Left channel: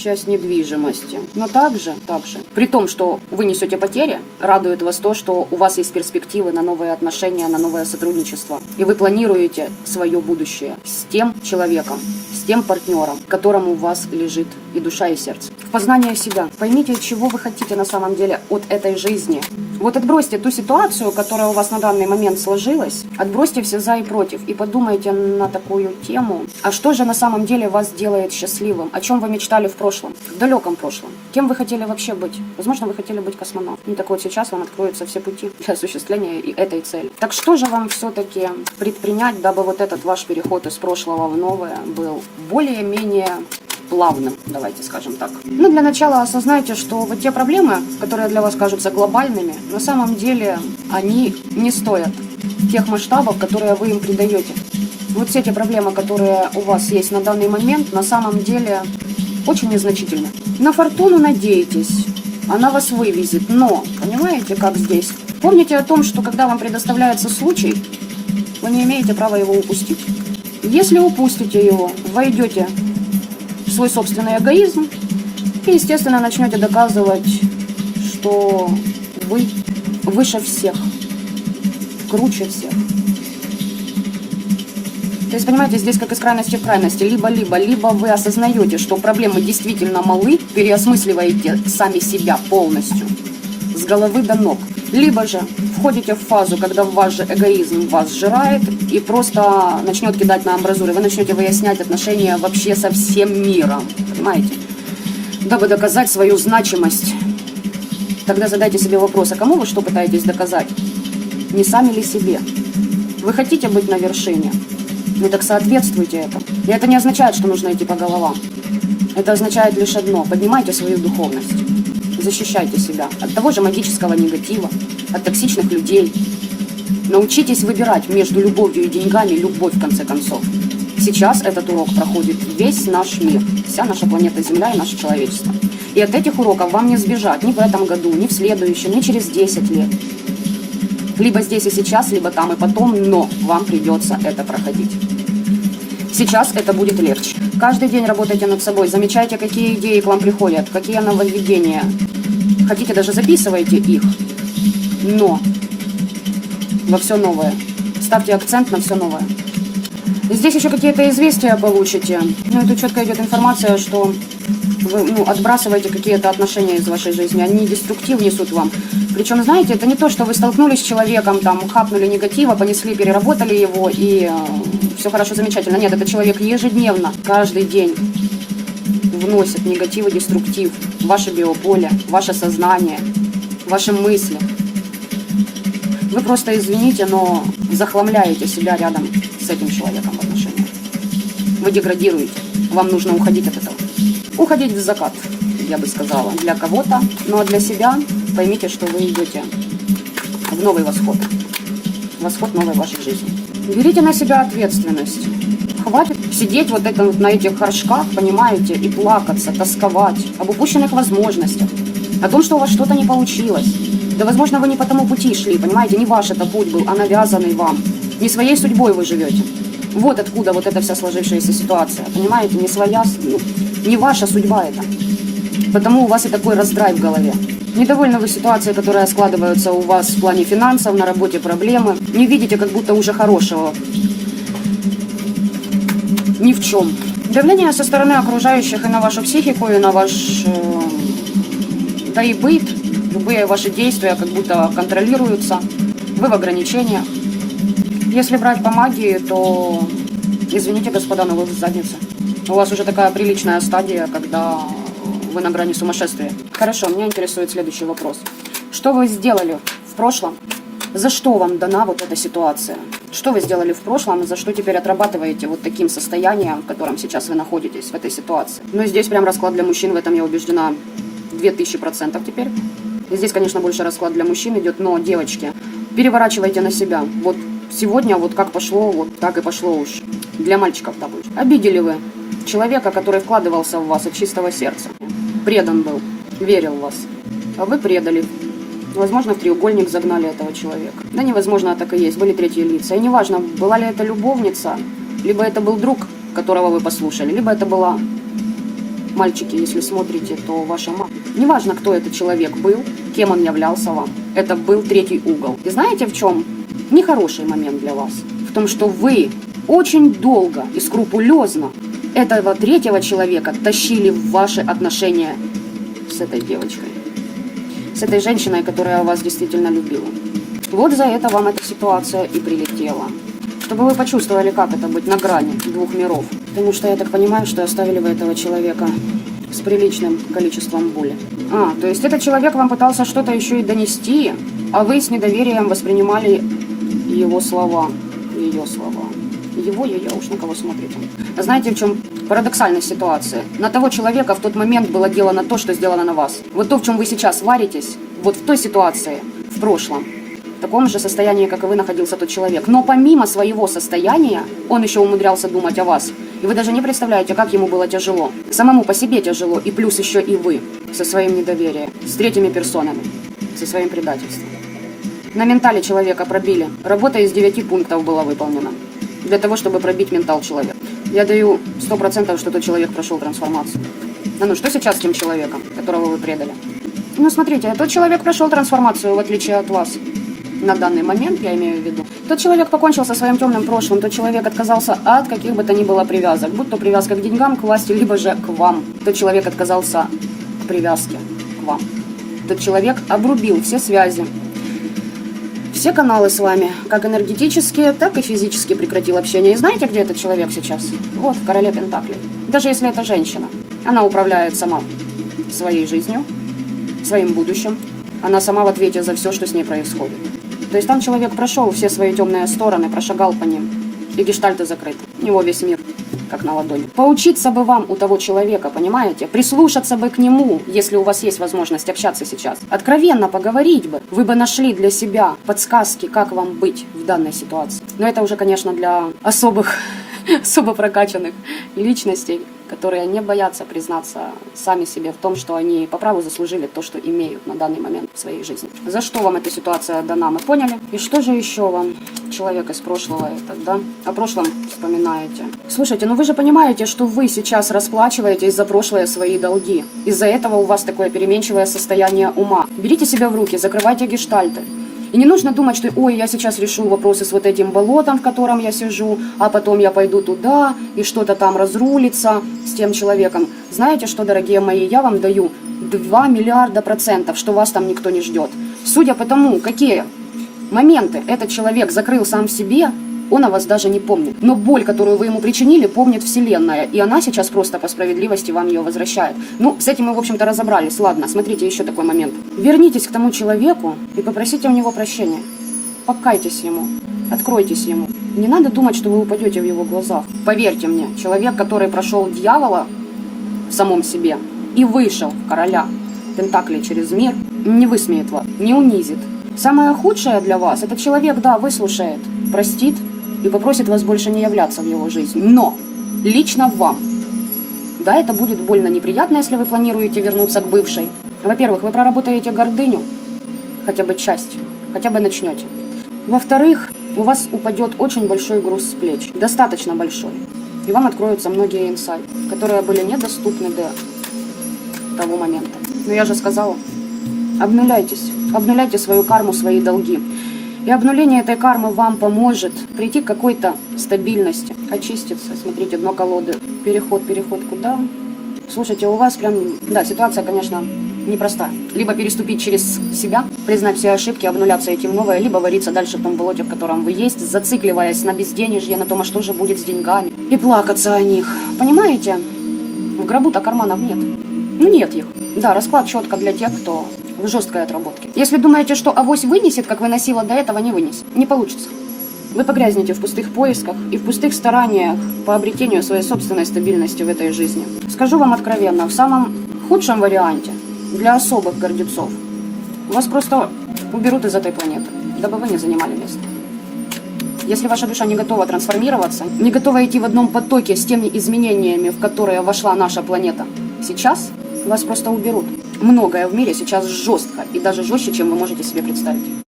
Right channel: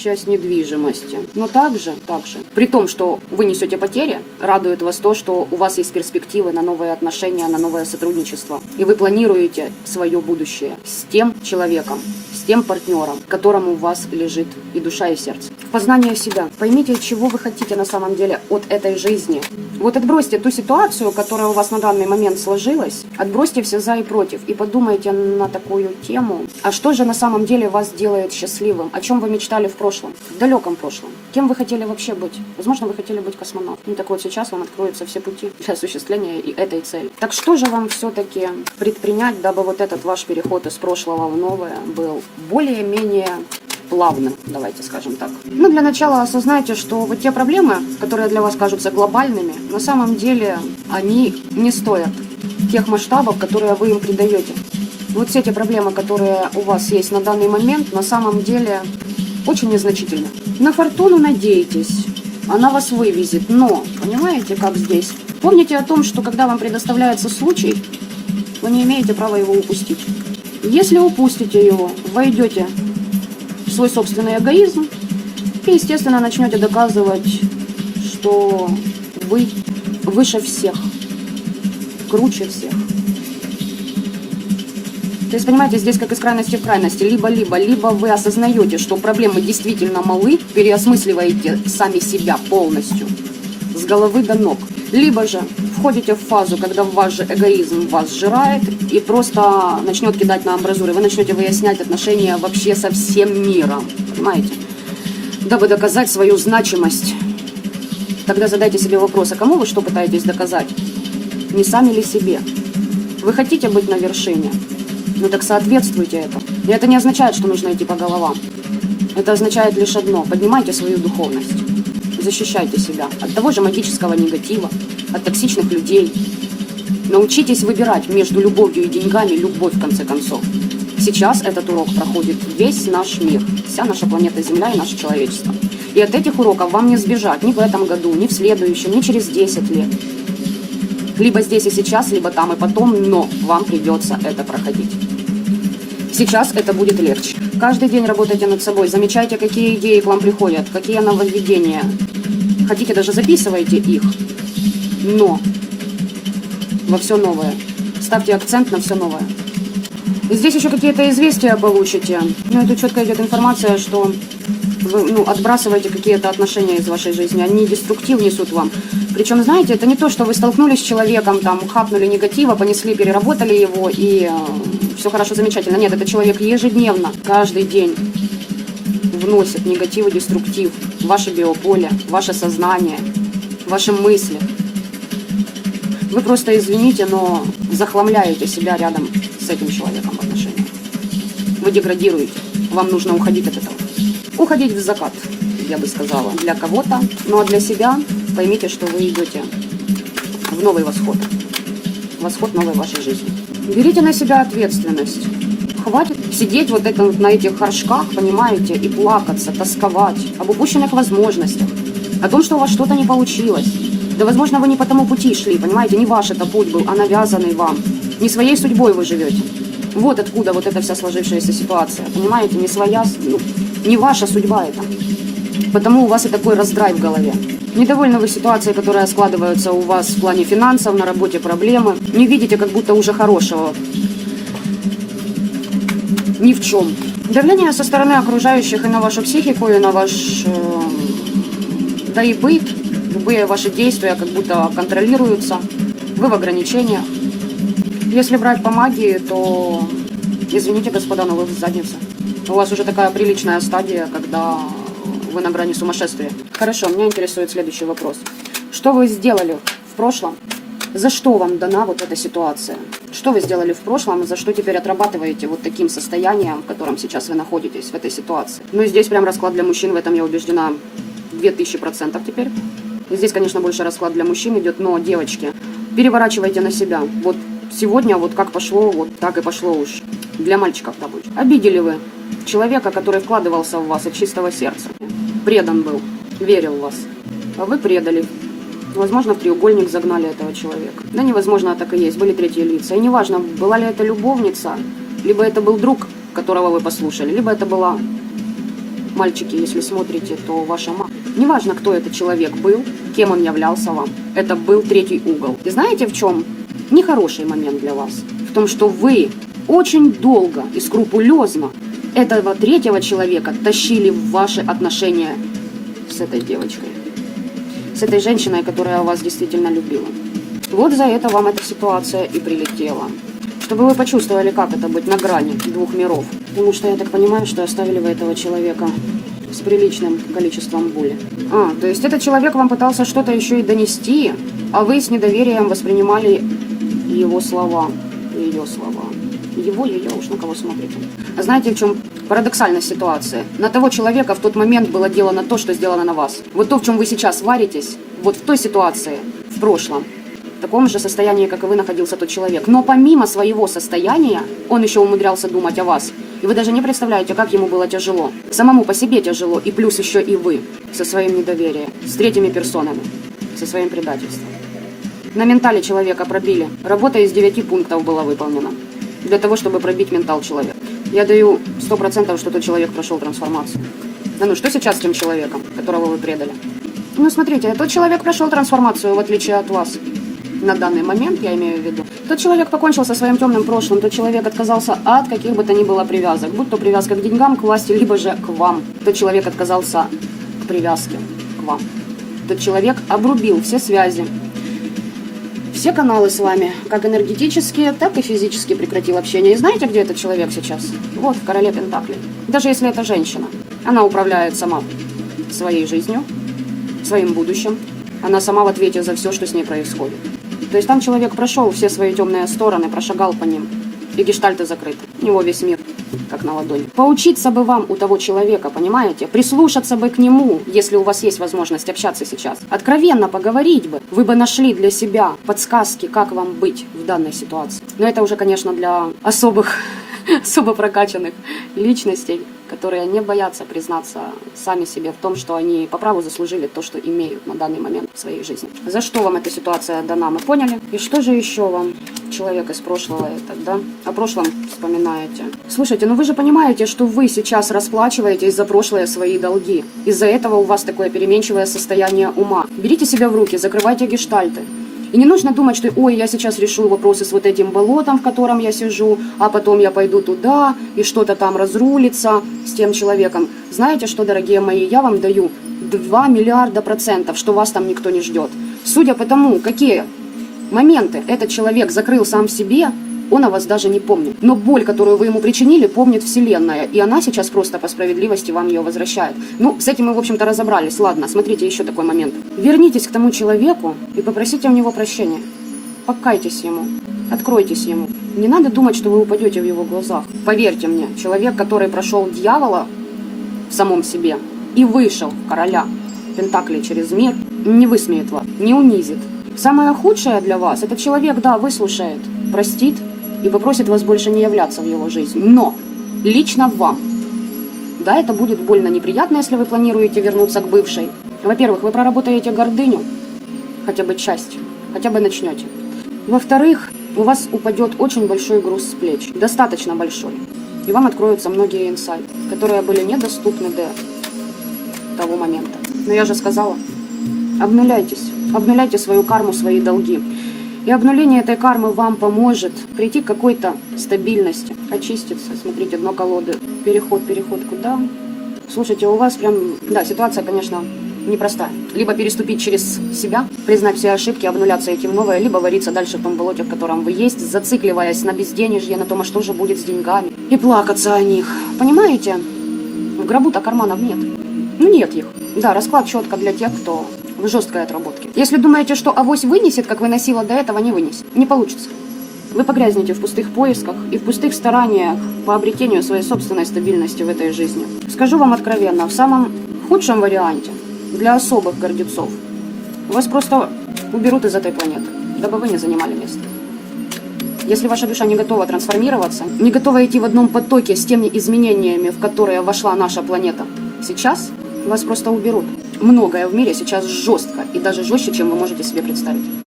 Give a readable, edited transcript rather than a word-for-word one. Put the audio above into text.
часть недвижимости. Но также, при том, что вы несете потери, радует вас то, что у вас есть перспективы на новые отношения, на новое сотрудничество. И вы планируете свое будущее с тем человеком, с тем партнером, которому у вас лежит и душа, и сердце. Познание себя. Поймите, чего вы хотите на самом деле от этой жизни. Вот отбросьте ту ситуацию, которая у вас на данный момент сложилась, отбросьте все за и против и подумайте на такую тему. А что же на самом деле вас делает счастливым? О чем вы мечтали в прошлом, в далеком прошлом? Кем вы хотели вообще быть? Возможно, вы хотели быть космонавтом. Так вот, сейчас вам откроются все пути для осуществления этой цели. Так что же вам все-таки предпринять, дабы вот этот ваш переход из прошлого в новое был более-менее плавным, давайте скажем так. Ну, для начала осознайте, что вот те проблемы, которые для вас кажутся глобальными, на самом деле они не стоят тех масштабов, которые вы им придаете. Вот все эти проблемы, которые у вас есть на данный момент, на самом деле очень незначительны. На фортуну надейтесь, она вас вывезет, но, понимаете, как здесь? Помните о том, что когда вам предоставляется случай, вы не имеете права его упустить. Если упустите его, войдете в свой собственный эгоизм и, естественно, начнете доказывать, что вы выше всех, круче всех. То есть, понимаете, здесь как из крайности в крайности. Либо вы осознаете, что проблемы действительно малы, переосмысливаете сами себя полностью, с головы до ног. Либо же входите в фазу, когда ваш же эгоизм вас сжирает и просто начнет кидать на амбразуры. Вы начнете выяснять отношения вообще со всем миром. Понимаете? Дабы доказать свою значимость. Тогда задайте себе вопрос, а кому вы что пытаетесь доказать? Не сами ли себе? Вы хотите быть на вершине? Ну так соответствуйте этому. И это не означает, что нужно идти по головам. Это означает лишь одно. Поднимайте свою духовность. Защищайте себя от того же магического негатива, от токсичных людей. Научитесь выбирать между любовью и деньгами любовь, в конце концов. Сейчас этот урок проходит весь наш мир, вся наша планета Земля и наше человечество. И от этих уроков вам не сбежать ни в этом году, ни в следующем, ни через 10 лет. Либо здесь и сейчас, либо там и потом, но вам придется это проходить. Сейчас это будет легче. Каждый день работайте над собой, замечайте, какие идеи к вам приходят, какие нововведения. Хотите, даже записывайте их. Но во все новое. Ставьте акцент на все новое. Здесь еще какие-то известия получите. Но это четко идет информация, что вы отбрасываете какие-то отношения из вашей жизни. Они деструктив несут вам. Причем, знаете, это не то, что вы столкнулись с человеком, там, хапнули негатива, понесли, переработали его, и все хорошо, замечательно. Нет, это человек ежедневно, каждый день вносит негатив и деструктив в ваше биополе, в ваше сознание, в ваши мысли. Вы просто, извините, но захламляете себя рядом с этим человеком в отношениях. Вы деградируете. Вам нужно уходить от этого. Уходить в закат, я бы сказала, для кого-то, но для себя поймите, что вы идете в новый восход. Восход новой вашей жизни. Берите на себя ответственность. Хватит сидеть вот это на этих горшках, понимаете, и плакаться, тосковать об упущенных возможностях, о том, что у вас что-то не получилось. Да, возможно, вы не по тому пути шли, понимаете, не ваш это путь был, а навязанный вам. Не своей судьбой вы живете. Вот откуда вот эта вся сложившаяся ситуация, понимаете, не своя, не ваша судьба это. Потому у вас и такой раздрай в голове. Недовольны вы ситуацией, которая складывается у вас в плане финансов, на работе проблемы. Не видите как будто уже хорошего ни в чем. Давление со стороны окружающих и на вашу психику, и на ваш да и быт. Любые ваши действия как будто контролируются. Вы в ограничениях. Если брать по магии, то, извините, господа, но вы в заднице. У вас уже такая приличная стадия, когда вы на грани сумасшествия. Хорошо, меня интересует следующий вопрос. Что вы сделали в прошлом? За что вам дана вот эта ситуация? Что вы сделали в прошлом, и за что теперь отрабатываете вот таким состоянием, в котором сейчас вы находитесь в этой ситуации? Ну, здесь прям расклад для мужчин, в этом я убеждена 2000% теперь. И здесь, конечно, больше расклад для мужчин идет, но, девочки, переворачивайте на себя. Вот сегодня вот как пошло, вот так и пошло уж. Для мальчиков, допустим. Обидели вы человека, который вкладывался в вас от чистого сердца. Предан был, верил в вас. А вы предали. Возможно, в треугольник загнали этого человека. Да невозможно, так и есть. Были третьи лица. И неважно, была ли это любовница, либо это был друг, которого вы послушали, либо это была Мальчики, если смотрите, то ваша мама. Неважно, кто этот человек был, кем он являлся вам. Это был третий угол. И знаете, в чем нехороший момент для вас? В том, что вы очень долго и скрупулезно этого третьего человека тащили в ваши отношения с этой девочкой. С этой женщиной, которая вас действительно любила. Вот за это вам эта ситуация и прилетела. Чтобы вы почувствовали, как это быть на грани двух миров. Потому что я так понимаю, что оставили вы этого человека с приличным количеством боли. То есть этот человек вам пытался что-то еще и донести, а вы с недоверием воспринимали его слова, ее слова. Его, я уж на кого смотрите. А знаете, в чем парадоксальная ситуация? На того человека в тот момент было делано то, что сделано на вас. Вот то, в чем вы сейчас варитесь, вот в той ситуации, в прошлом, в таком же состоянии, как и вы, находился тот человек. Но помимо своего состояния, он еще умудрялся думать о вас. И вы даже не представляете, как ему было тяжело. Самому по себе тяжело, и плюс еще и вы, со своим недоверием, с третьими персонами, со своим предательством. На ментале человека пробили. Работа из 9 пунктов была выполнена. Для того, чтобы пробить ментал человека. Я даю 100%, что тот человек прошел трансформацию. Ну, что сейчас с тем человеком, которого вы предали? Ну, смотрите, тот человек прошел трансформацию, в отличие от вас. На данный момент, я имею в виду. Тот человек покончил со своим темным прошлым, тот человек отказался от каких бы то ни было привязок. Будь то привязка к деньгам, к власти, либо же к вам. Тот человек отказался к привязке к вам. Тот человек обрубил все связи. Все каналы с вами, как энергетические, так и физически прекратил общение. И знаете, где этот человек сейчас? Вот, в короле Пентаклей. Даже если это женщина. Она управляет сама своей жизнью, своим будущим. Она сама в ответе за все, что с ней происходит. То есть там человек прошел все свои темные стороны, прошагал по ним. И гештальты закрыты. У него весь мир, как на ладони. Поучиться бы вам у того человека, понимаете? Прислушаться бы к нему, если у вас есть возможность общаться сейчас. Откровенно поговорить бы. Вы бы нашли для себя подсказки, как вам быть в данной ситуации. Но это уже, конечно, для особо прокачанных личностей, которые не боятся признаться сами себе в том, что они по праву заслужили то, что имеют на данный момент в своей жизни. За что вам эта ситуация дана, мы поняли. И что же еще вам, человек из прошлого, тогда о прошлом вспоминаете? Слушайте, ну вы же понимаете, что вы сейчас расплачиваетесь за прошлое свои долги. Из-за этого у вас такое переменчивое состояние ума. Берите себя в руки, закрывайте гештальты. И не нужно думать, что ой, я сейчас решу вопросы с вот этим болотом, в котором я сижу, а потом я пойду туда, и что-то там разрулится с тем человеком. Знаете что, дорогие мои, я вам даю 2 миллиарда %, что вас там никто не ждет. Судя по тому, какие моменты этот человек закрыл сам в себе, он о вас даже не помнит. Но боль, которую вы ему причинили, помнит Вселенная. И она сейчас просто по справедливости вам ее возвращает. Ну, с этим мы, в общем-то, разобрались. Ладно, смотрите, еще такой момент. Вернитесь к тому человеку и попросите у него прощения. Покайтесь ему. Откройтесь ему. Не надо думать, что вы упадете в его глазах. Поверьте мне, человек, который прошел дьявола в самом себе и вышел в короля Пентаклей через мир, не высмеет вас, не унизит. Самое худшее для вас, этот человек, да, выслушает, простит и попросит вас больше не являться в его жизни. Но лично вам, да, это будет больно неприятно, если вы планируете вернуться к бывшей. Во-первых, вы проработаете гордыню, хотя бы часть, хотя бы начнете. Во-вторых, у вас упадет очень большой груз с плеч, достаточно большой. И вам откроются многие инсайты, которые были недоступны до того момента. Но я же сказала, обнуляйтесь, обнуляйте свою карму, свои долги. И обнуление этой кармы вам поможет прийти к какой-то стабильности, очиститься. Смотрите, дно колоды. Переход куда? Слушайте, у вас прям, да, ситуация, конечно, непростая. Либо переступить через себя, признать все ошибки, обнуляться этим новое, либо вариться дальше в том болоте, в котором вы есть, зацикливаясь на безденежье, на том, а что же будет с деньгами, и плакаться о них. Понимаете? В гробу-то карманов нет. Нет их. Да, расклад четко для тех, кто в жесткой отработке. Если думаете, что авось вынесет, как выносила до этого, не вынесет. Не получится. Вы погрязнете в пустых поисках и в пустых стараниях по обретению своей собственной стабильности в этой жизни. Скажу вам откровенно, в самом худшем варианте, для особых гордецов, вас просто уберут из этой планеты, дабы вы не занимали место. Если ваша душа не готова трансформироваться, не готова идти в одном потоке с теми изменениями, в которые вошла наша планета сейчас, вас просто уберут. Многое в мире сейчас жестко, и даже жестче, чем вы можете себе представить.